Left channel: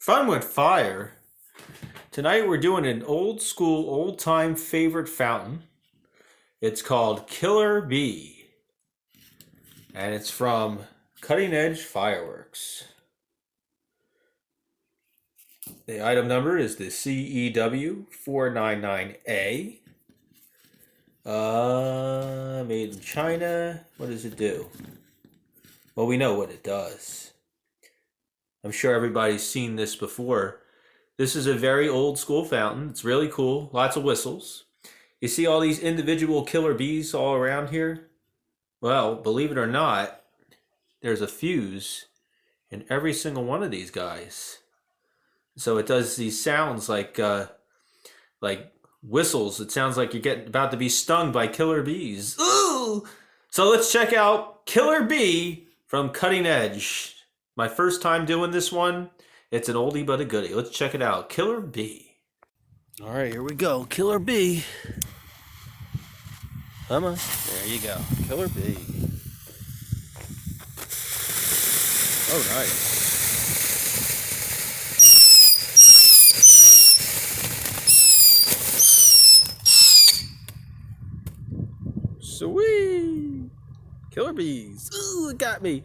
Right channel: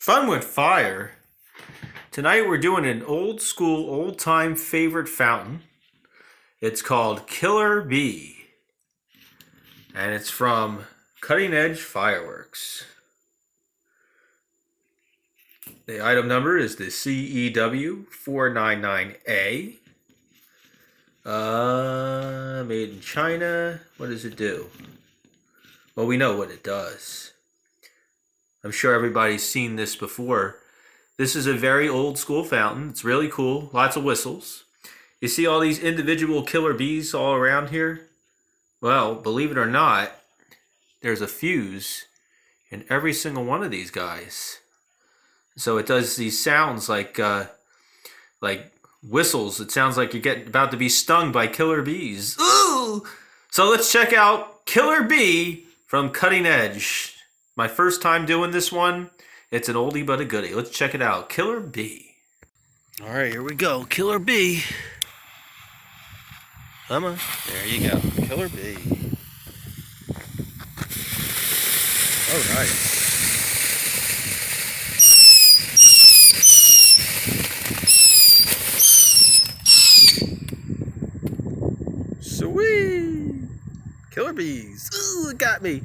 Fun with fire. Tonight we're doing an old school, old time favorite fountain. It's called Killer Bee. And it's from Cutting Edge Fireworks. The item number is the CEW 499A. Made in China. What does it do? Well, we know what it does. I'm sure everybody's seen this before. This is a very old school fountain. It's really cool. Lots of whistles. You see all these individual killer bees all around here? Well, believe it or not, there's a fuse in every single one of these guys. So it does these sounds like whistles. It sounds like you're about to be stung by killer bees. Ooh! So let's check out Killer Bee from Cutting Edge. My first time doing this one. It's an oldie but a goodie. Let's check it out. Killer Bee. All right, here we go. Killer Bee. Come on. There you go. Killer Bee. Oh, nice. Sweet. Killer bees. Ooh, it got me.